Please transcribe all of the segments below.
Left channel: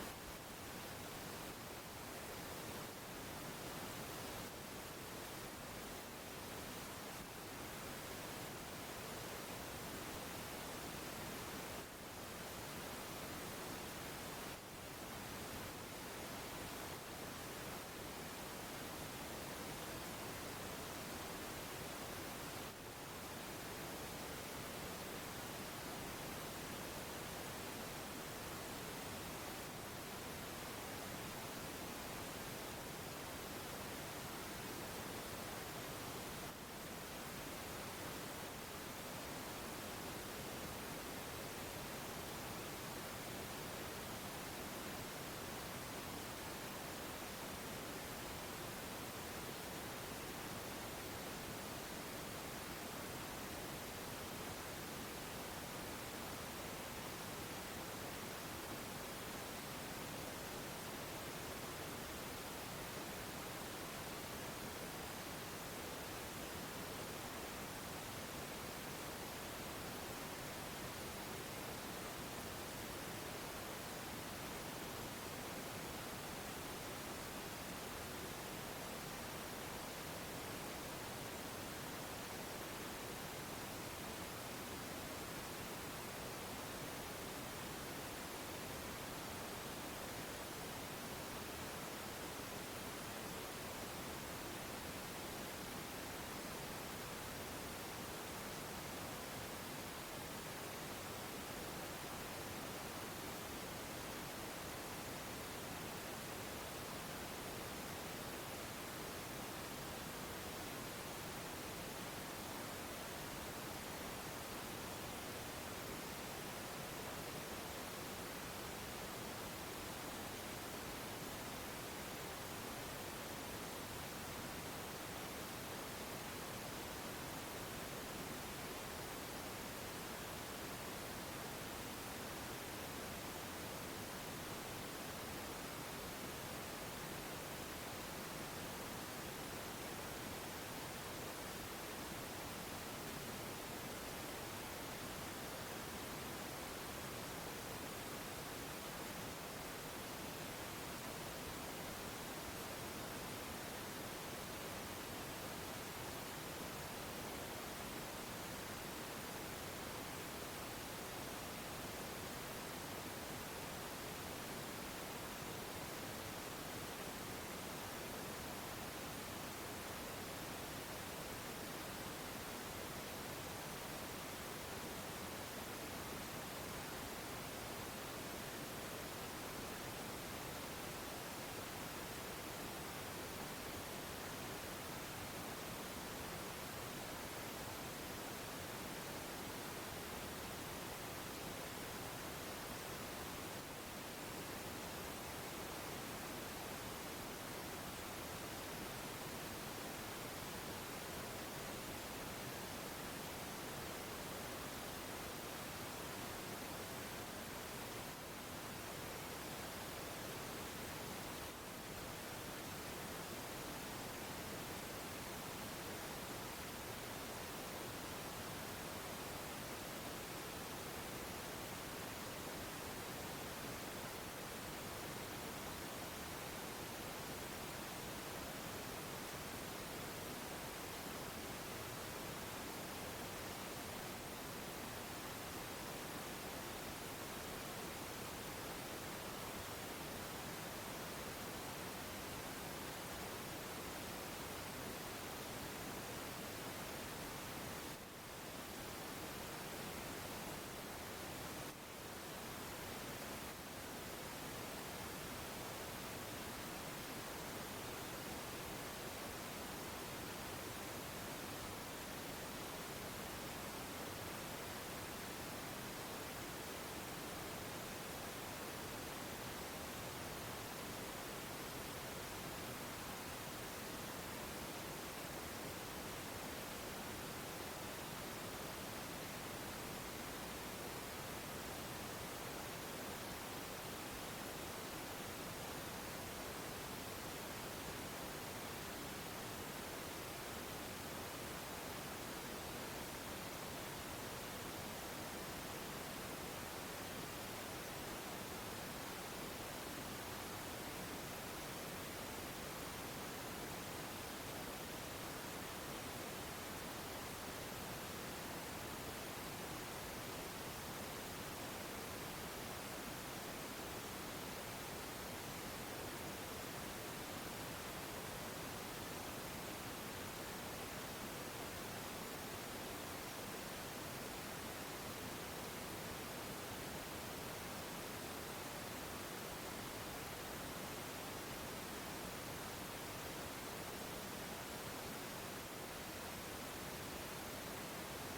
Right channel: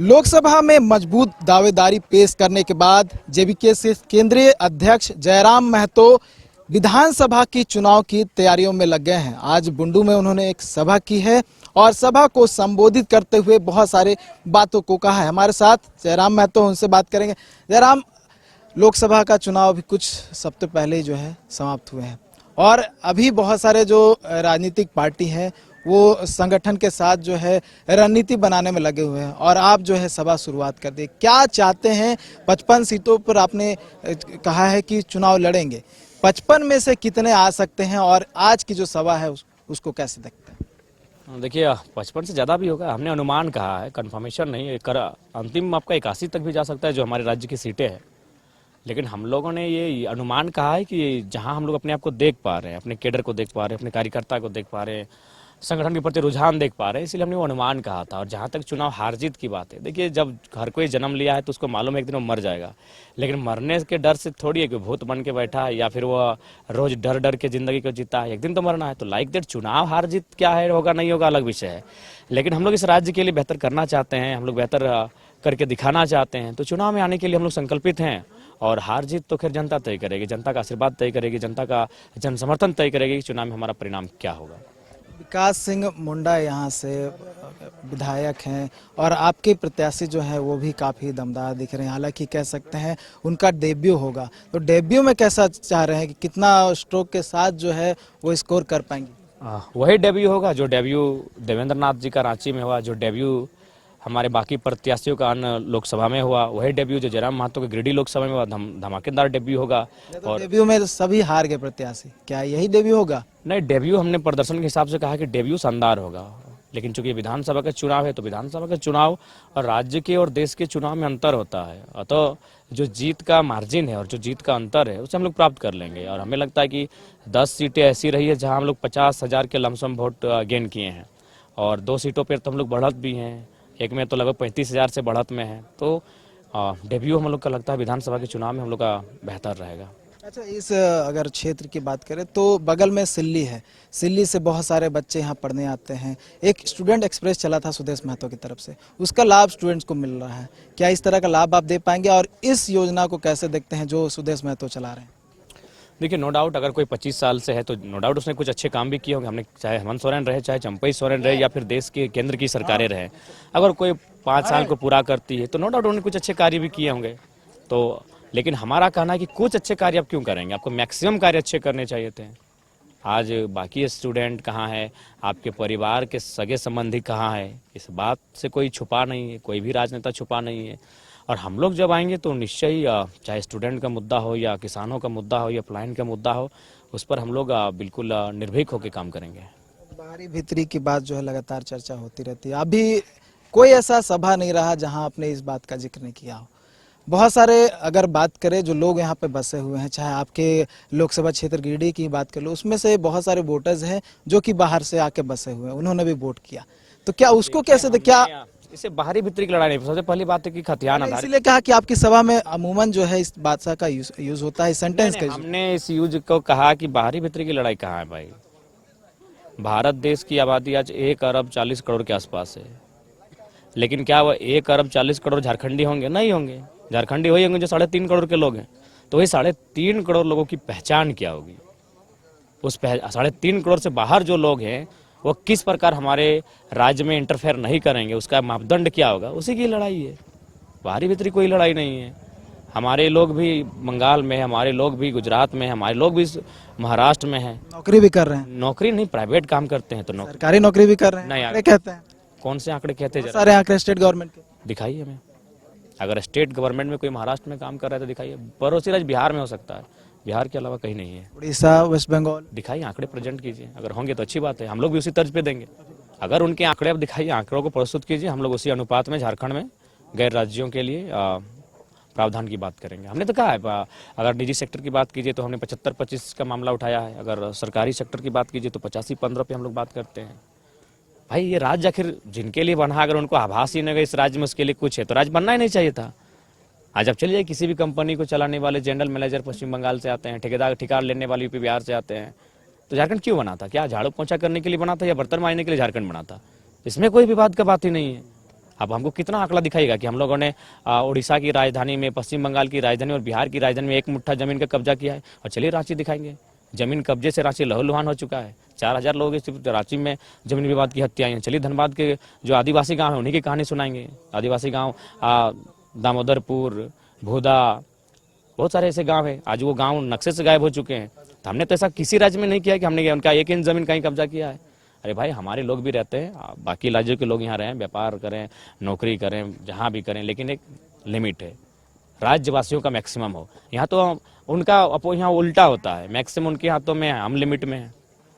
लोकसभा में मजबूत दावेदारी पेश करने के बाद जेवीके से केंद्रीय अध्यक्ष जयराम महतो विधानसभा की चुनाव की तैयारियों में लग गए हैं। आज बुंडू में उन्होंने एक सभा की है और सभा को संबोधित करते हुए बहुत सारे बातों को कहा है। हमारे साथ जयराम महतो, उनसे बात करेंगे। जयराम, लोकसभा का चुनाव अभी कुछ सप्ताह पहले ही जो है समाप्त हुए हैं और अभी बहुत सारे जो राजनीतिक पार्टी हैं वो संगठन के साथ जो है रणनीति बनाने में लगे हुए हैं और आप जो है सभा शुरुआत कर दी। क्या चाहते हैं? 55 सीटों पर आपने कहा है कि चुनाव लड़ेंगे, 55 में से कितने आ सकते हैं और आज की जो सभा है उसको कैसे देखते हैं? देखिए 55 से ज़्यादा भी होगा, हमने अनुमान कहा है, कंफर्मेशन नहीं। अंतिम आपका 81 तक भी जा सकता है जो हमारे राज्य की सीटें हैं। लेकिन हम लोगों ने ये अनुमान कहा है कि जहां हम लोग अपने आप को देख पा रहे हैं, अपने केडर को देख पा रहे हैं, अपने कार्यकर्ता को देख पा रहे हैं, संगठन के प्रति रुझान देख पा रहे हैं, इसलिए हमने वो अनुमान कहा था। और जहाँ तक चुनाव हार जीत की बात है, देखिए जब हर कोई जन्म लिया है तो उसको मालूम है एक दिन वो मर जाएगा। लेकिन मरने के डर से थोड़ी है कि भूत बन के बैठा है या फिर वो रोज डर डर के ज़िंदगी को जीता है। एक दिन तो मरना है। तो लाइक दैट चुनाव हार जीत क्या है, होगा नहीं होगा अलग विषय है। लेकिन हम लोग इस राज्य के लिए बेहतर करना चाहते हैं, हम लोग बेहतर करके दिखाना चाहते हैं। तो चुनाव में आने के लिए हम लोग संकल्पित हैं और हार जीत तो खैर जनता तय करेगी, जनता का आशीर्वाद तय करेगी, जनता का जन समर्थन तय करेगी कि चुनाव में हमारा परिणाम क्या होगा। विकास सिंह मुंडा यहाँ से विधायक हैं और आपके प्रत्याशी जो है वो भी काफ़ी दमदार दिख रहे हैं। हालांकि कह सकते हैं उनका डेब्यू होगा, तो डेब्यू में कैसा चाह रहे हैं कि कितना स्ट्रोक के साथ जो है वो स्कोर कर पाएंगे? वही डेब्यू होगा जो डेब्यू देवेंद्र नाथ जी का रांची में हुआ, जो डेब्यू हमारे बाकी प्रत्याशियों का अन्य लोकसभा में हुआ, वही डेब्यू जो जयराम महतो के गिरिडीह लोकसभा में हुआ, धमाकेदार डेब्यू होगा। और डेब्यू में तो सभी हार गए प्रत्याशी, क्या यही डेब्यू होगा? नहीं, डेब्यू हमने प्रदर्शन के हिसाब से कहा कि डेब्यू शानदार होगा। लेकिन चूंकि विधानसभा का चुनाव है तो विधानसभा का चुनाव और राज्य के और देश के चुनाव में अंतर होता है। अतः जो जीत का मार्जिन है और जो जीत का अंतर है उसे हम लोग प्राप्त कर लेंगे। और हमें लगता है कि 10 सीटें ऐसी रही है जहां हम लोग 50,000 के लमसम वोट गेन किए हैं और 2 सीटों पर तो हम लोग बढ़त भी हैं, एक में तो लगभग 35,000 से बढ़त में है। तो डेब्यू हम लोग का लगता है विधानसभा के चुनाव में हम लोग का बेहतर रहेगा। अच्छा, इस अगर क्षेत्र की बात करें तो बगल में सिल्ली है, सिल्ली से बहुत सारे बच्चे यहाँ पढ़ने आते हैं। एक स्टूडेंट एक्सप्रेस चला था सुदेश महतो की तरफ से, उसका लाभ स्टूडेंट्स को मिल रहा है। क्या इस तरह का लाभ आप दे पाएंगे और इस योजना को कैसे देखते हैं जो सुदेश महतो चला रहे हैं? देखिए नो डाउट अगर कोई 25 साल से है तो नो डाउट उसने कुछ अच्छे काम भी किए होंगे। हमने चाहे हेमंत सोरेन रहे, चाहे चंपई सोरेन रहे या फिर देश के केंद्र की सरकारें रहे, अगर कोई 5 साल को पूरा करती है तो नो डाउट उन्होंने कुछ अच्छे कार्य भी किए होंगे। तो लेकिन हमारा कहना है कि कुछ अच्छे कार्य आप क्यों करेंगे, आपको मैक्सिमम कार्य अच्छे करने चाहिए थे। आज बाकी स्टूडेंट कहाँ है, आपके परिवार के सगे संबंधी कहाँ है, इस बात से कोई छुपा नहीं है, कोई भी राजनेता छुपा नहीं है। और हम लोग जब आएंगे तो निश्चय ही चाहे स्टूडेंट का मुद्दा हो या किसानों का मुद्दा हो या प्लाइन का मुद्दा हो, उस पर हम लोग बिल्कुल निर्भीक होकर काम करेंगे। बाहरी भीतरी की बात जो है लगातार चर्चा होती रहती है। अभी कोई ऐसा सभा नहीं रहा जहां आपने इस बात का जिक्र नहीं किया हो। बहुत सारे अगर बात करें जो लोग यहाँ पे बसे हुए हैं, चाहे आपके लोकसभा क्षेत्र गिरिडीह की बात कर लो, उसमें से बहुत सारे वोटर्स हैं जो कि बाहर से आके बसे हुए हैं, उन्होंने भी वोट किया। तो क्या उसको कैसे क्या इसे बाहरी भीतरी की लड़ाई नहीं, सबसे पहली बात है कि खतियान आधारित। इसीलिए कहा कि आपकी सभा में अमूमन जो है इस बादशाह का यूज होता है, सेंटेंस का हमने इस यूज को कहा कि बाहरी भीतरी की लड़ाई कहाँ है भाई। भारत देश की आबादी आज 1 अरब 40 करोड़ के आसपास है। लेकिन क्या वो 1 अरब 40 करोड़ झारखंडी होंगे? नहीं होंगे। झारखंडी वही होंगे जो 3.5 करोड़ के लोग हैं। तो वही 3.5 करोड़ लोगों की पहचान क्या होगी? उस 3.5 करोड़ से बाहर जो लोग हैं वो किस प्रकार हमारे राज्य में इंटरफेयर नहीं करेंगे, उसका मापदंड क्या होगा, उसी की लड़ाई है। बाहरी भीतरी कोई लड़ाई नहीं है। हमारे लोग भी बंगाल में, हमारे लोग भी गुजरात में, हमारे लोग भी महाराष्ट्र में हैं, नौकरी भी कर रहे हैं। नौकरी नहीं, प्राइवेट काम करते हैं। तो सरकारी नौकरी भी कर रहे हैं। नहीं, आंकड़े कहते हैं। कौन से आंकड़े कहते हैं? सारे आंकड़े स्टेट गवर्नमेंट के दिखाइए हमें। अगर स्टेट गवर्नमेंट में कोई महाराष्ट्र में काम कर रहा है तो दिखाइए। पड़ोसी राज्य बिहार में हो सकता है, बिहार के अलावा कहीं नहीं है। उड़ीसा, वेस्ट बंगाल, दिखाइए, आंकड़े प्रेजेंट कीजिए। अगर होंगे तो अच्छी बात है, हम लोग भी उसी तर्ज पे देंगे। अगर उनके आंकड़े आप दिखाइए, आंकड़ों को प्रस्तुत कीजिए, हम लोग उसी अनुपात में झारखंड में गैर राज्यों के लिए प्रावधान की बात करेंगे। हमने तो कहा है अगर निजी सेक्टर की बात कीजिए तो हमने 75-25 का मामला उठाया है। अगर सरकारी सेक्टर की बात कीजिए तो 85-15 पे हम लोग बात करते हैं। भाई ये राज्य आखिर जिनके लिए बना, अगर उनको आभास ही नहीं इस राज्य में उसके लिए कुछ है तो राज्य बनना ही नहीं चाहिए था। आज आप चलिए किसी भी कंपनी को चलाने वाले जनरल मैनेजर पश्चिम बंगाल से आते हैं, ठेकेदार ठेका लेने वाले यूपी बिहार से आते हैं। तो झारखंड क्यों बना था? क्या झाड़ू पोंछा करने के लिए बना था या बर्तन मारने के लिए झारखंड बना था? इसमें कोई विवाद का बात ही नहीं है। अब हमको कितना आंकड़ा दिखाएगा कि हम लोगों ने उड़ीसा की राजधानी में, पश्चिम बंगाल की राजधानी और बिहार की राजधानी में एक मुट्ठा ज़मीन का कब्जा किया है। और चलिए रांची दिखाएंगे, ज़मीन कब्जे से रांची लहूलुहान हो चुका है। 4000 लोगों की सिर्फ रांची में ज़मीन विवाद की हत्याएं हैं। चलिए धनबाद के जो आदिवासी गांव हैं उन्हीं की कहानी सुनाएंगे। आदिवासी गांव दामोदरपुर, भूदा, बहुत सारे ऐसे गांव हैं, आज वो गांव नक्शे से गायब हो चुके हैं। तो हमने तो ऐसा किसी राज्य में नहीं किया कि हमने उनका एक इंच ज़मीन कहीं कब्जा किया है। अरे भाई, हमारे लोग भी रहते हैं, बाकी राज्यों के लोग यहाँ रहें, व्यापार करें, नौकरी करें, जहाँ भी करें, लेकिन एक लिमिट है। राज्यवासियों का मैक्सिमम हो। यहाँ तो उनका यहाँ उल्टा होता है, मैक्सिमम उनके हाथों में है, हम लिमिट में हैं।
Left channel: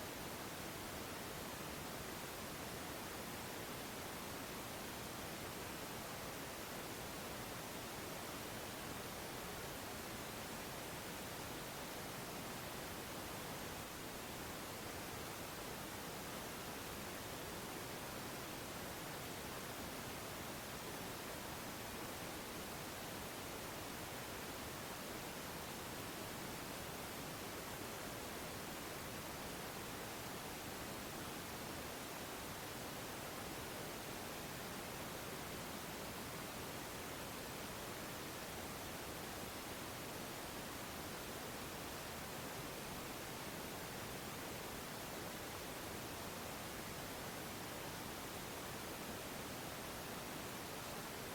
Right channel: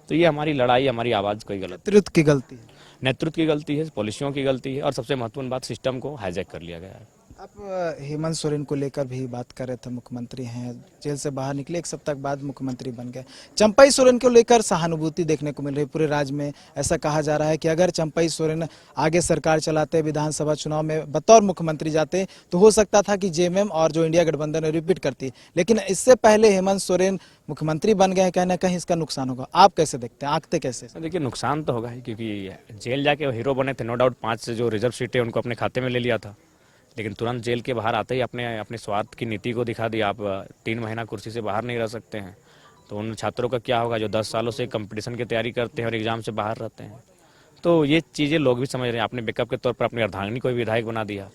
तो ये हमारी लड़ाई, हमारी आवाज़ कोई गलत, नेतृत्व की गलती। नेतृत्व की गलती है, पॉलिसियों की गलती है, और सबसे महत्वपूर्ण बात, सिस्टम को हाईजैक कर लिया गया है। अब हेमंत सोरेन को लेकर भी बात कर रहे थे, मुख्यमंत्री हैं, जेल से बाहर निकले, एक सप्ताह बाद मुख्यमंत्री बन गए। चंपई सोरेन को लेकर सहानुभूति देखने को मिल रही है पूरे राज्य में। ऐसा कहा जा रहा है कि अगर चंपई सोरेन आगे सरकार चलाते, विधानसभा चुनाव में बतौर मुख्यमंत्री जाते, तो हो सकता था कि जेएमएम और जो इंडिया गठबंधन है रिपीट करती। लेकिन इससे पहले हेमंत सोरेन मुख्यमंत्री बन गए हैं, कहीं ना कहीं इसका नुकसान होगा। आप कैसे देखते हैं, आंकते कैसे? देखिए, नुकसान तो होगा ही, क्योंकि जेल जाके वो हीरो बने थे, नो डाउट। 5 जो रिजर्व सीटें उनको अपने खाते में ले लिया था, लेकिन तुरंत जेल के बाहर आते ही अपने स्वार्थ की नीति को दिखा दिया। आप 3 महीना कुर्सी से बाहर नहीं रह सकते हैं। तो उन छात्रों का क्या होगा जो 10 सालों से कंपटीशन की तैयारी करते हैं और एग्ज़ाम से बाहर रहते हैं। तो ये चीज़ें लोग भी समझ रहे हैं। आपने बैकअप के तौर पर अपनी अर्धांगिनी को भी विधायक बना दिया,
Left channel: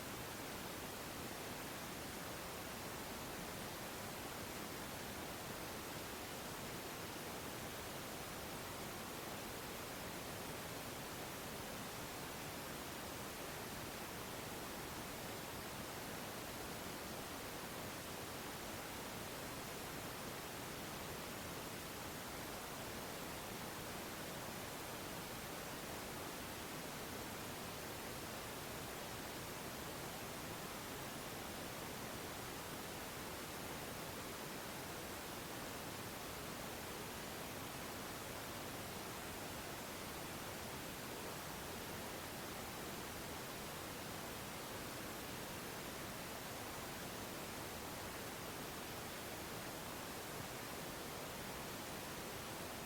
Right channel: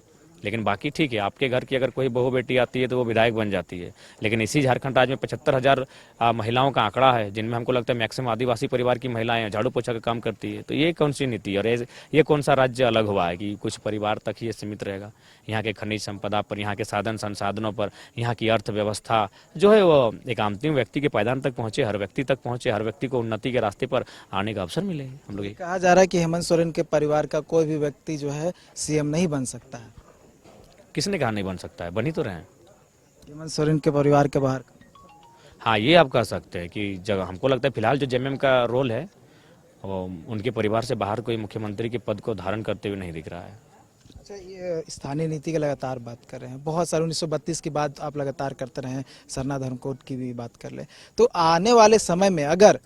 लेकिन बाकी ठीक है, आपके घर की अगर कोई बहू बेटी आती है तो वो विधायक बन जाती है। लेकिन इसी झारखंड राज्य में 75,000 महिलाओं का आंकड़ा है, जिनमें हमको लगता है मैक्सिमम आदिवासी परिवार की महिलाएं हैं, झाड़ू पोछा का काम करती है। तो ये कौन सी नीति है, और ये कौन सा राज्य अलग हुआ है कि कुछ परिवार तक ही ये सीमित रहेगा? यहाँ के खनिज संपदा पर, यहाँ के साधन संसाधनों पर, यहाँ की अर्थव्यवस्था जो है वो एक अंतिम व्यक्ति के पायदान तक पहुँचे, हर व्यक्ति तक पहुँचे, हर व्यक्ति को उन्नति के रास्ते पर आने का अवसर मिले। हम लोग कहा जा रहा है कि हेमंत सोरेन के परिवार का कोई भी व्यक्ति जो है सीएम नहीं बन सकता है। किसने कहा नहीं बन सकता है? बन ही तो रहे हैं। हेमंत सोरेन के परिवार के बाहर। हाँ, ये आप कह सकते हैं कि जब हमको लगता है फिलहाल जो जेएमएम का रोल है वो उनके परिवार से बाहर कोई मुख्यमंत्री के पद को धारण करते हुए नहीं दिख रहा है। ये स्थानीय नीति की लगातार बात कर रहे हैं, बहुत सारे 1932 की बात आप लगातार करते रहे हैं, सरना धर्मकोट की भी बात कर ले। तो आने वाले समय में अगर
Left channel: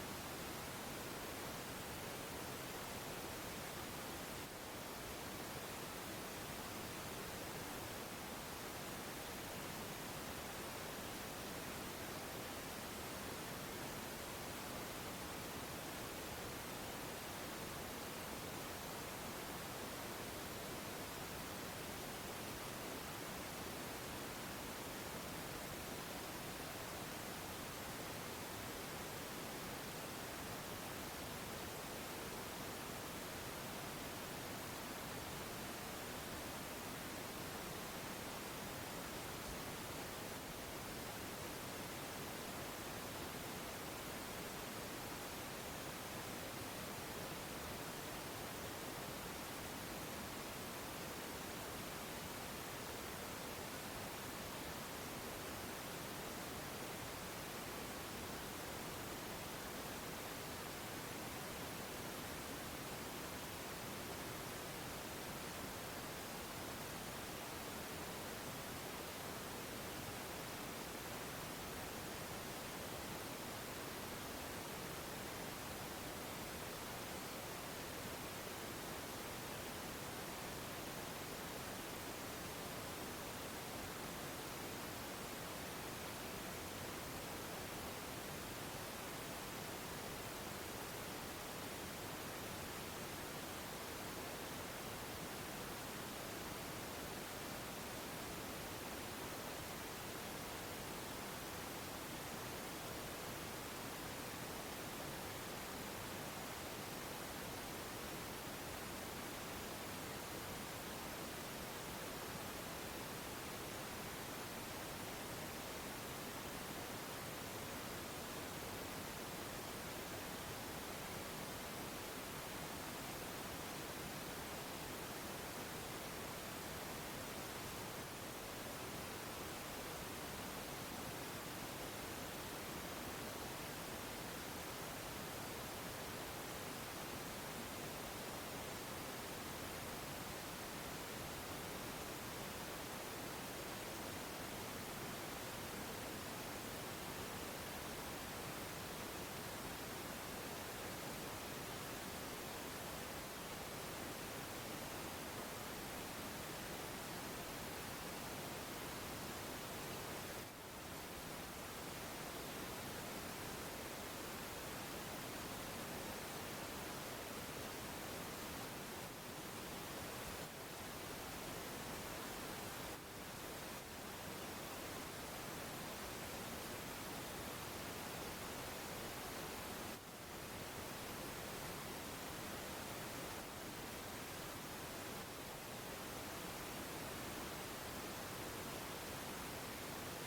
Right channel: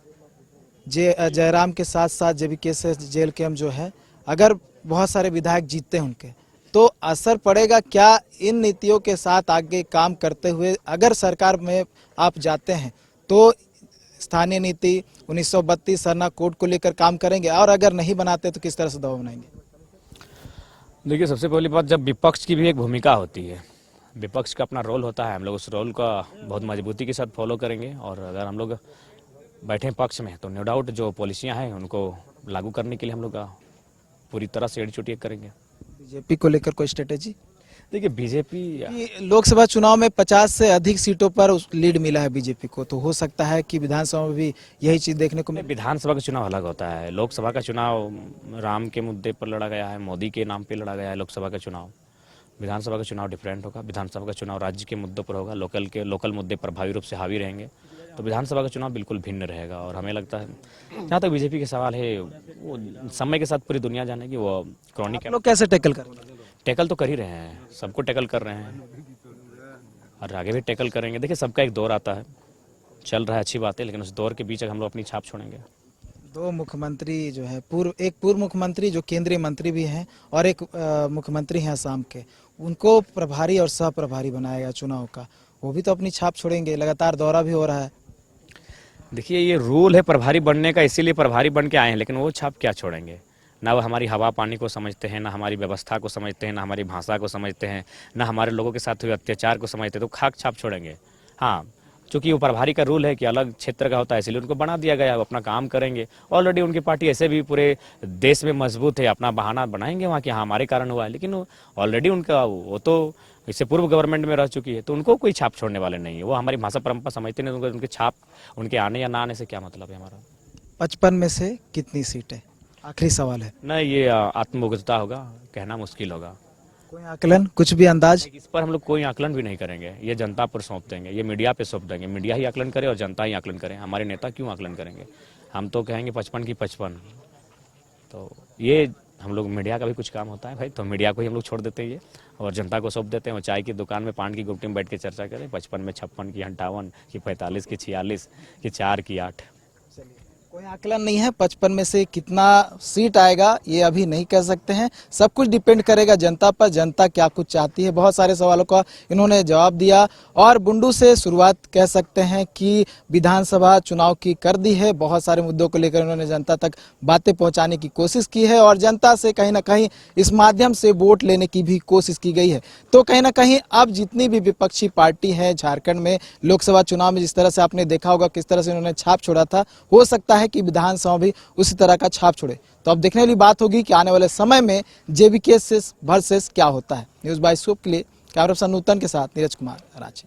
जयराम के साथ साथ जेबीके से जेल कैंप जो है, अगर बहुत सारे विधायक जीतते हैं उनके, तो असर पड़ेगा क्या इन नीतियों के साथ आगे काम करते हुए? अगर सरकार में आप जाते हैं तो स्थानीय नीति 1932 सरना कोड को लेकर काम करेंगे, और अगर नहीं बनाते तो किस तरह से दबाव बनाएंगे? देखिए, सबसे पहली बात, जब विपक्ष की भी एक भूमिका होती है, विपक्ष का अपना रोल होता है, हम लोग उस रोल का बहुत मजबूती के साथ फॉलो करेंगे। और अगर हम लोग बैठे पक्ष में तो नो डाउट जो पॉलिसियाँ हैं उनको लागू करने के लिए हम लोग पूरी तरह से एड़ी चुटिया करेंगे। बीजेपी को लेकर कोई स्ट्रेटेजी? देखिए, बीजेपी कि लोकसभा चुनाव में 50 से अधिक सीटों पर लीड मिला है बीजेपी को, तो हो सकता है कि विधानसभा में भी यही चीज़ देखने को मिले। विधानसभा का चुनाव अलग होता है। लोकसभा का चुनाव राम के मुद्दे पर लड़ा गया है, मोदी के नाम पे लड़ा गया है लोकसभा का चुनाव। विधानसभा का चुनाव डिफरेंट होगा। विधानसभा का चुनाव राज्य के मुद्दों पर होगा, लोकल मुद्दे प्रभावी रूप से हावी रहेंगे। तो विधानसभा का चुनाव बिल्कुल भिन्न रहेगा। और हमें लगता है, जहाँ तक बीजेपी के सवाल है, वो समय के साथ पूरी दुनिया जानेगी। वो क्रॉनिक लोग कैसे टैकल करेंगे? टैकल तो कर ही रहे हैं, सबको टैकल कर रहे हैं और आगे भी टैकल करेंगे। देखिए, सबका एक दौर आता है, चल रहा है, अच्छी बात है, लेकिन उस दौर के बीच हम लोग अपनी छाप छोड़ेंगे। 2 मुख्यमंत्री जो है, एक पूर्व मुख्यमंत्री जो केंद्रीय मंत्री भी हैं, और एक मुख्यमंत्री हैं असम के, उनको प्रभारी और सह प्रभारी बनाया गया चुनाव का, वो भी तो अपनी छाप छोड़ेंगे। लगातार दौरा भी हो रहा है। देखिए, ये रूल है प्रभारी बनने का, इसीलिए प्रभारी बन के आए हैं, लेकिन वो छाप क्या छोड़ेंगे? ना वो हमारी हवा पानी को समझते हैं, ना हमारी व्यवस्था को समझते हैं, ना हमारी भाषा को समझते हैं, ना हमारे लोगों के साथ हुए अत्याचार को समझते हैं, तो खाक छाप छोड़ेंगे। हाँ, चूँकि वो प्रभारी का रूल है कि अलग क्षेत्र का होता है, इसलिए उनको बना दिया गया है, वो अपना काम करेंगे। ऑलरेडी उनकी पार्टी ऐसे भी पूरे देश में मजबूत है, अपना बहाना बनाएंगे वहाँ कि हाँ हमारे कारण हुआ है, लेकिन ऑलरेडी उनका वो तो इससे पूर्व गवर्नमेंट में रह चुकी है, तो उनको कोई छाप छोड़ने वाले नहीं है। वो हमारी भाषा परंपरा समझते नहीं, उनकी छाप, उनके आने या ना आने से क्या मतलब है हमारा। 55 में से कितनी सीटें? आखिरी सवाल है। नहीं, ये आत्मबोधता होगा, कहना मुश्किल होगा। कोई आकलन, कुछ भी अंदाज? इस पर हम लोग कोई आकलन भी नहीं करेंगे, ये जनता पर सौंप देंगे, ये मीडिया पे सौंप देंगे। मीडिया ही आकलन करे और जनता ही आकलन करे, हमारे नेता क्यों आकलन करेंगे? हम तो कहेंगे 55 की 55। तो ये हम लोग, मीडिया का भी कुछ काम होता है भाई, तो मीडिया को ही हम लोग छोड़ देते हैं ये, और जनता को सौंप देते हैं। वो चाय की दुकान में पान की गुप्ती में बैठ के चर्चा करें, 55 में 56 की 58 की 45 की 46 की 4 की 8। कोई आकलन नहीं है 55 में से कितना सीट आएगा ये अभी नहीं कह सकते हैं। सब कुछ डिपेंड करेगा जनता पर, जनता क्या कुछ चाहती है। बहुत सारे सवालों का इन्होंने जवाब दिया और बुंडू से शुरुआत कह सकते हैं कि विधानसभा चुनाव की कर दी है। बहुत सारे मुद्दों को लेकर इन्होंने जनता तक बातें पहुंचाने की कोशिश की है और जनता से कहीं ना कहीं इस माध्यम से वोट लेने की भी कोशिश की गई है। तो कहीं ना कहीं अब जितनी भी विपक्षी पार्टी है झारखंड में लोकसभा चुनाव में जिस तरह से आपने देखा होगा किस तरह से उन्होंने छाप छोड़ा था, हो सकता है कि विधानसभा भी उसी तरह का छाप छोड़े। तो अब देखने वाली बात होगी कि आने वाले समय में जेबीके वर्सेस क्या होता है। न्यूज़ बाय सूप के लिए कैमरा पर्सन नूतन के साथ नीरज कुमार, रांची।